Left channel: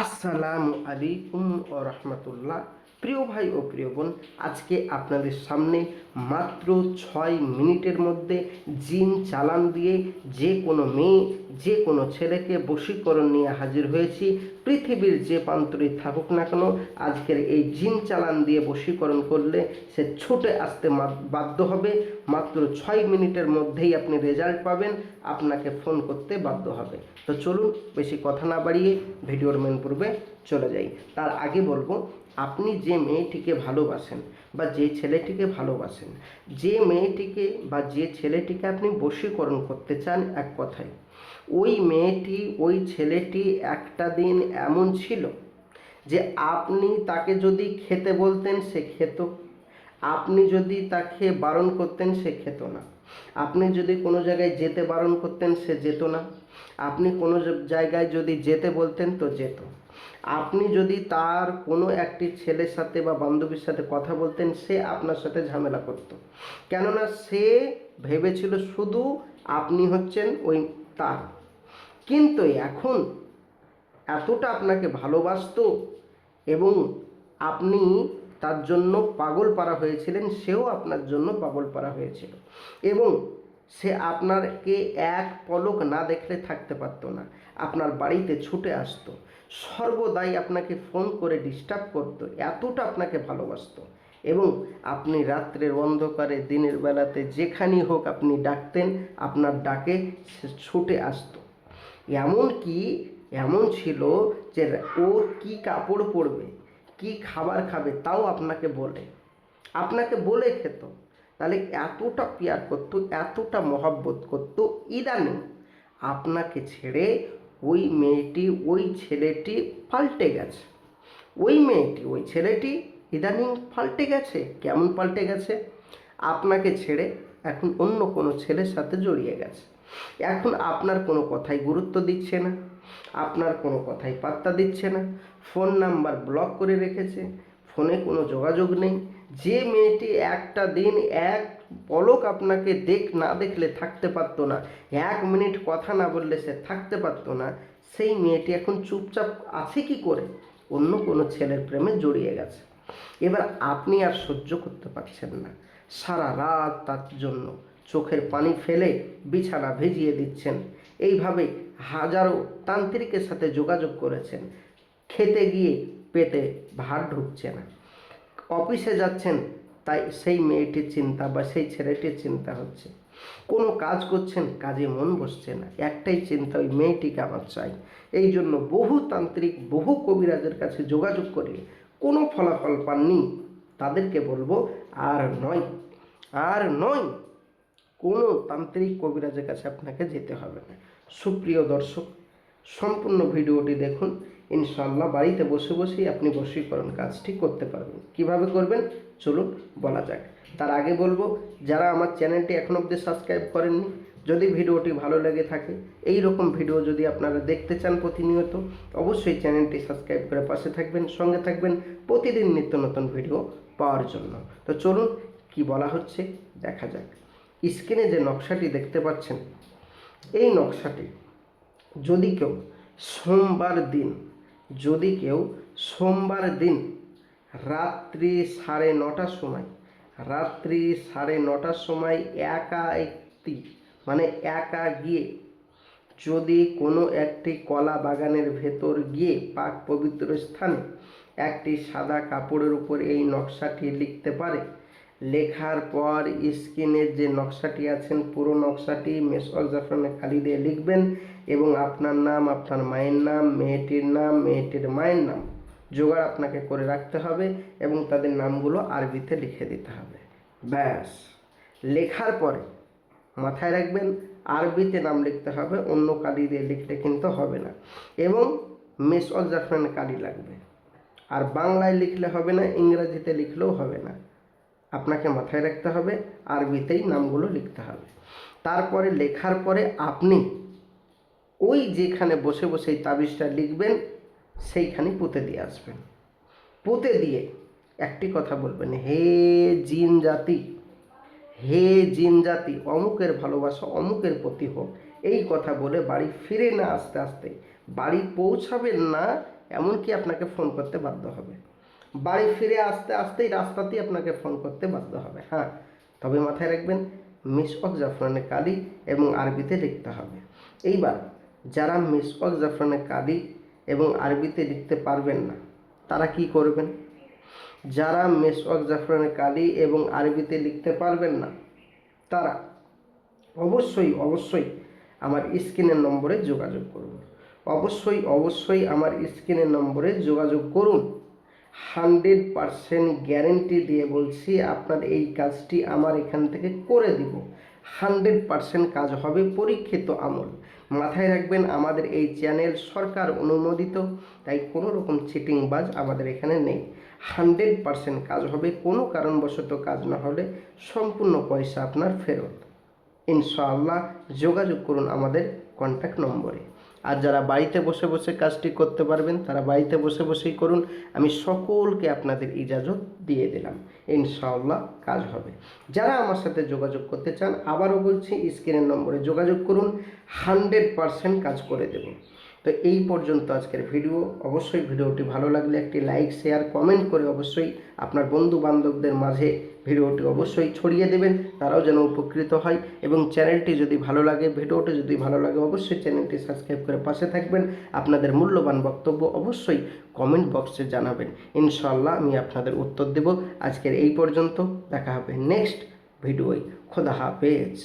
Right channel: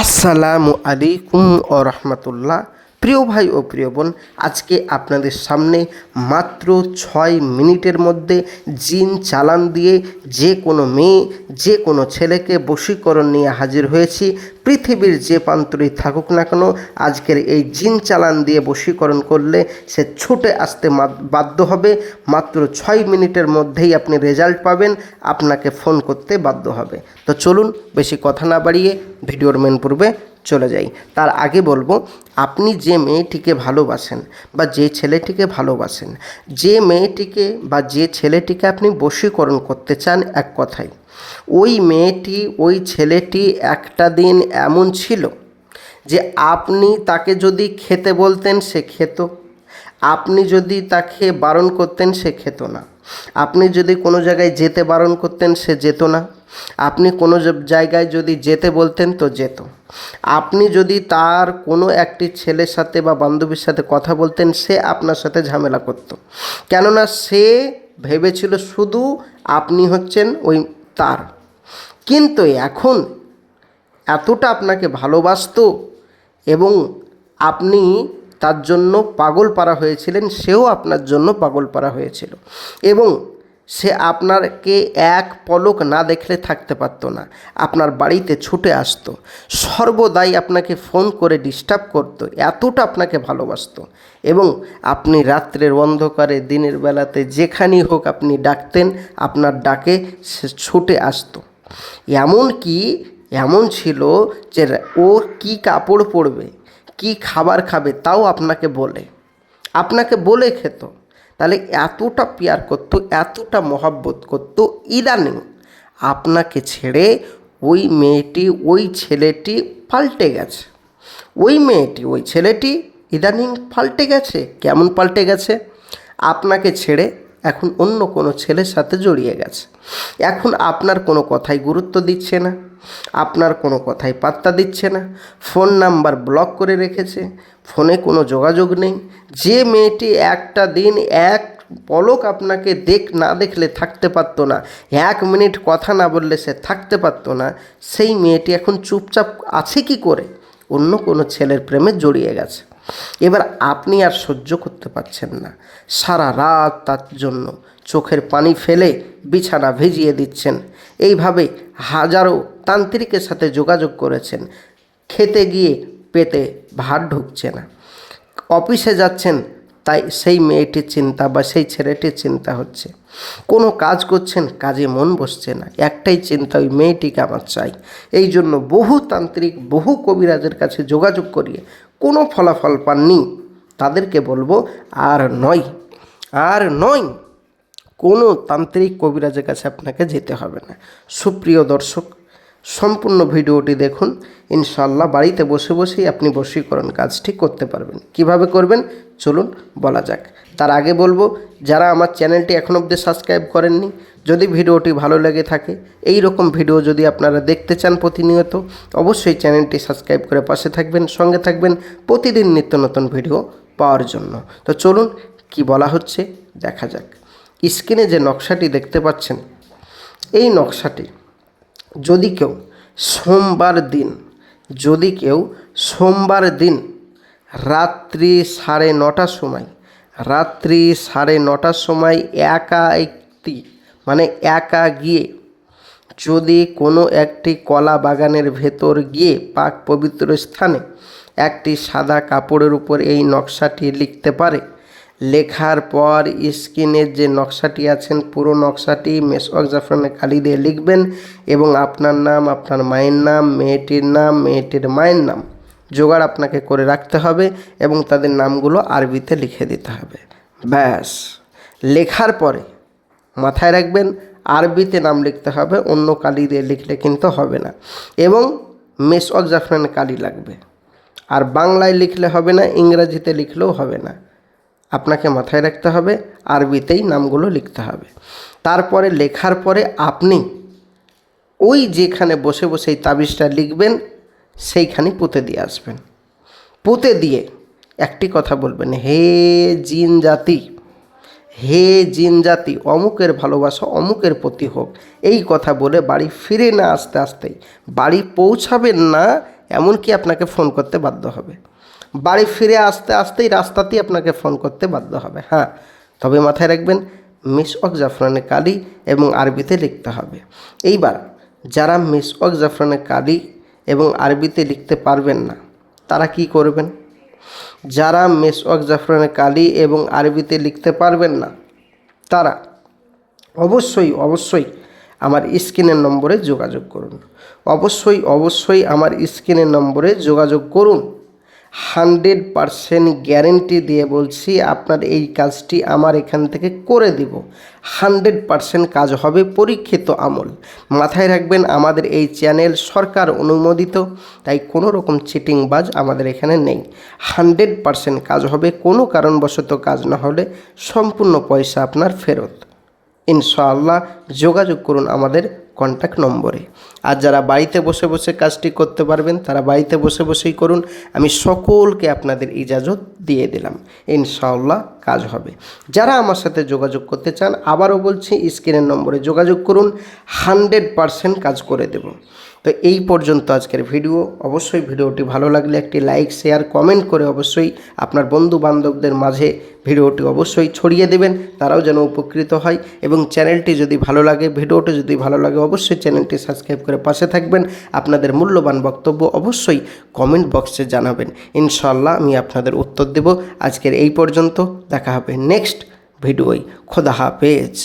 আসসালামু আলাইকুম ও রহমতুল্লাহ। প্রিয় ভাই ও প্রিয় বোন, আজকে আপনাদের সামনে মাত্র 6 মিনিটের মধ্যে জিন চালান দিয়ে যে কোনো মেয়ে যে কোনো ছেলেকে বশীকরণ নিয়ে হাজির হয়েছি। পৃথিবীর যে প্রান্তরেই থাকুক না কেন, আজকের এই জিন চালান দিয়ে বশীকরণ করলে সে ছুটে আসতে বাধ্য হবে। মাত্র 6 মিনিটের মধ্যেই আপনি রেজাল্ট পাবেন, আপনাকে ফোন করতে বাধ্য হবে। তো চলুন বেশি কথা না বাড়িয়ে ভিডিওর মেন পূর্বে চলে যাই। তার আগে বলবো, আপনি যে মেয়েটিকে ভালোবাসেন বা যে ছেলেটিকে ভালোবাসেন, যে মেয়েটিকে বা যে ছেলেটিকে আপনি বশীকরণ করতে চান, এক কথায় ওই মেয়েটি ওই ছেলেটি একটা দিন এমন ছিল যে আপনি তাকে যদি খেতে বলতেন সে খেত, আপনি যদি তাকে বারণ করতেন সে খেত না, আপনি যদি কোনো জায়গায় যেতে বারণ করতেন সে যেত না, আপনি কোনো জায়গায় যদি যেতে বলতেন তো যেত, আপনি যদি তার কোনো একটি ছেলের সাথে বা বান্ধবীর সাথে কথা বলতেন সে আপনার সাথে ঝামেলা করত। কেননা সে ভেবেছিল শুধু আপনি হচ্ছেন ওই তার। কিন্তু এখন এতটা আপনাকে ভালোবাসতো এবং আপনি তার জন্য পাগল পারা হয়েছিলেন, সেও আপনার জন্য পাগল পারা হয়েছিল এবং সে আপনাকে এক পলক না দেখলে থাকতে পারতো না। আপনার বাড়িতে ছুটে আসতো, সর্বদাই আপনাকে ফোন করে ডিস্টার্ব করতো, এতটা আপনাকে ভালোবাসতো। এবং আপনি রাত্রের অন্ধকারে দিনের বেলাতে যেখানেই হোক আপনি ডাকতেন, আপনার ডাকে সে ছুটে আসতো। এমন ছিল যে ও কি কাপড় পরবে, কি খাবার খাবে তাও আপনাকে বলে খেত। তাহলে এতটা প্যার করতো, এতটা মহব্বত করতো। ইদানিং আপনাকে ছেড়ে ওই মেয়েটি ওই ছেলেটি পাল্টে গেছে। ওই মেয়েটি ওই ছেলেটি ইদানিং পাল্টে গেছে। কেমন পাল্টে গেছে? আপনাকে ছেড়ে এখন অন্য কোনো ছেলের সাথে জড়িয়ে গেছে। এখন আপনার কোনো কথাই গুরুত্ব দিচ্ছে না, আপনার কোনো কথাই পাত্তা দিচ্ছে না, ফোন নাম্বার ব্লক করে রেখেছে, ফোনে কোনো যোগাযোগ নেই। যে মেয়েটি একটা দিন এক পলক আপনাকে না দেখলে থাকতে পারতো না, 1 মিনিট কথা না বললে সে থাকতে পারতো না, সেই মেয়েটি এখন চুপচাপ আছে কি করে? অন্য কোনো ছেলের প্রেমে জড়িয়ে গেছে। এবার আপনি আর সহ্য করতে পারছেন না, সারা রাত তার জন্য চোখের পানি ফেলে বিছানা ভিজিয়ে দিচ্ছেন। এইভাবে হাজারো তান্ত্রিকের সাথে যোগাযোগ করেছেন, খেতে গিয়ে পেটে ভাত ঢুকছে না, অফিসে যাচ্ছেন তাই সেই মেয়েটির চিন্তা বা সেই ছেলেটির চিন্তা হচ্ছে, কোনো কাজ করছেন কাজে মন বসছে না, একটাই চিন্তা ওই মেয়েটিকে আমার চাই। এই জন্য বহু তান্ত্রিক বহু কবিরাজের কাছে যোগাযোগ করিয়ে কোনো ফলাফল পাননি। তাদেরকে বলবো আর নয় কোনো তান্ত্রিক কবিরাজের কাছে আপনাকে যেতে হবে না। সুপ্রিয় দর্শক, সম্পূর্ণ ভিডিওটি দেখুন, ইনশাআল্লাহ বাড়িতে বসে বসেই আপনি বশীকরণ কাজটি করতে পারবেন। কিভাবে করবেন চলুন বলা যাক। তার আগে বলবো, যারা আমার চ্যানেলটি এখনও অবধি সাবস্ক্রাইব করেননি, যদি ভিডিওটি ভালো লেগে থাকে, এই রকম ভিডিও যদি আপনারা দেখতে চান প্রতিনিয়ত, অবশ্যই চ্যানেলটি সাবস্ক্রাইব করে পাশে থাকবেন, সঙ্গে থাকবেন প্রতিদিন নিত্য নতুন ভিডিও পাওয়ার জন্য। তো চলুন কি বলা হচ্ছে দেখা যাক। স্ক্রিনে যে নকশাটি দেখতে পাচ্ছেন, এই নকশাটি যদি কেউ সোমবার দিন রাত্রি 9:30টার সময় একা গিয়ে যদি কোনো একটি কলা বাগানের ভেতর গিয়ে পাক পবিত্র স্থানে একটি সাদা কাপড়ের উপর এই নকশাটি লিখতে পারে, লেখার পর স্ক্রিনের যে নকশাটি আছেন পুরো নকশাটি মেসওয়াক জাফরানে কালি দিয়ে লিখবেন এবং আপনার নাম, আপনার মায়ের নাম, মেয়েটির নাম, মেয়েটির মায়ের নাম জোগাড় আপনাকে করে রাখতে হবে এবং তাদের নামগুলো আরবিতে লিখে দিতে হবে। ব্যাস, লেখার পরে মাথায় রাখবেন আরবিতে নাম লিখতে হবে, অন্য কালি দিয়ে লিখলে কিন্তু হবে না এবং মেসওয়াক জাফরানে কালি লাগবে। আর বাংলায় লিখলে হবে না, ইংরেজিতে লিখলেও হবে না, আপনাকে মাথায় রাখতে হবে আরবিতেই নামগুলো লিখতে হবে। তারপরে লেখার পরে আপনি ওই যেখানে বসে বসে এই তাবিজটা লিখবেন সেইখানে পুঁতে দিয়ে আসবেন। পুঁতে দিয়ে একটি কথা বলবেন, হে জিন জাতি অমুকের ভালোবাসা অমুকের প্রতি হোক। এই কথা বলে বাড়ি ফিরে না আসতেই বাড়ি পৌঁছাবেন না, এমনকি আপনাকে ফোন করতে বাধ্য হবে। বাড়ি ফিরে আসতে আসতেই রাস্তাতেই আপনাকে ফোন করতে বাধ্য হবে। হ্যাঁ, তবে মাথায় রাখবেন মিসওয়াক জাফরানে কালি এবং আরবিতে লিখতে হবে। এইবার যারা মিসওয়াক জাফরানে কালি এবং আরবিতে লিখতে পারবেন না তারা কি করবেন? যারা মিসওয়াক জাফরানে কালি এবং আরবিতে লিখতে পারবেন না তারা অবশ্যই আমার স্ক্রিনের নম্বরে যোগাযোগ করুন। অবশ্যই আমার স্ক্রিনের নম্বরে যোগাযোগ করুন। 100% গ্যারেন্টি দিয়ে বলছি, আপনার এই কাজটি আমার এখান থেকে করে দিব। 100% কাজ হবে, পরীক্ষিত আমল। মাথায় রাখবেন আমাদের এই চ্যানেল সরকার অনুমোদিত, তাই কোনো রকম চিটিংবাজ আমাদের এখানে নেই। 100% কাজ হবে, কোনো কারণবশত কাজ না হলে সম্পূর্ণ পয়সা আপনার ফেরত। ইনশাআল্লাহ যোগাযোগ করুন আমাদের কন্ট্যাক্ট নম্বরে। আর যারা বাড়িতে বসে বসে কাজটি করতে পারবেন তারা বাড়িতে বসে বসেই করুন। আমি সকলকে আপনাদের ইজাজত দিয়ে দিলাম, ইনশাআল্লাহ কাজ হবে। যারা আমার সাথে যোগাযোগ করতে চান আবারও বলছি স্ক্রিনের নম্বরে যোগাযোগ করুন, 100% কাজ করে দেব। তো এই পর্যন্ত আজকের ভিডিও। অবশ্যই ভিডিওটি ভালো লাগলে একটি লাইক, শেয়ার, কমেন্ট করে অবশ্যই আপনার বন্ধু বান্ধবদের মাঝে ভিডিওটি অবশ্যই ছড়িয়ে দেবেন, তারাও যেন উপকৃত হয়। এবং চ্যানেলটি যদি ভালো লাগে, ভিডিওটি যদি ভালো লাগে, অবশ্যই চ্যানেলটি সাবস্ক্রাইব করে পাশে থাকবেন। আপনাদের মূল্যবান বক্তব্য অবশ্যই কমেন্ট বক্সে জানাবেন, ইনশাআল্লাহ আমি আপনাদের উত্তর দেব। আজকের এই পর্যন্ত, দেখা হবে নেক্সট ভিডিওয়। খোদা হাফেজ।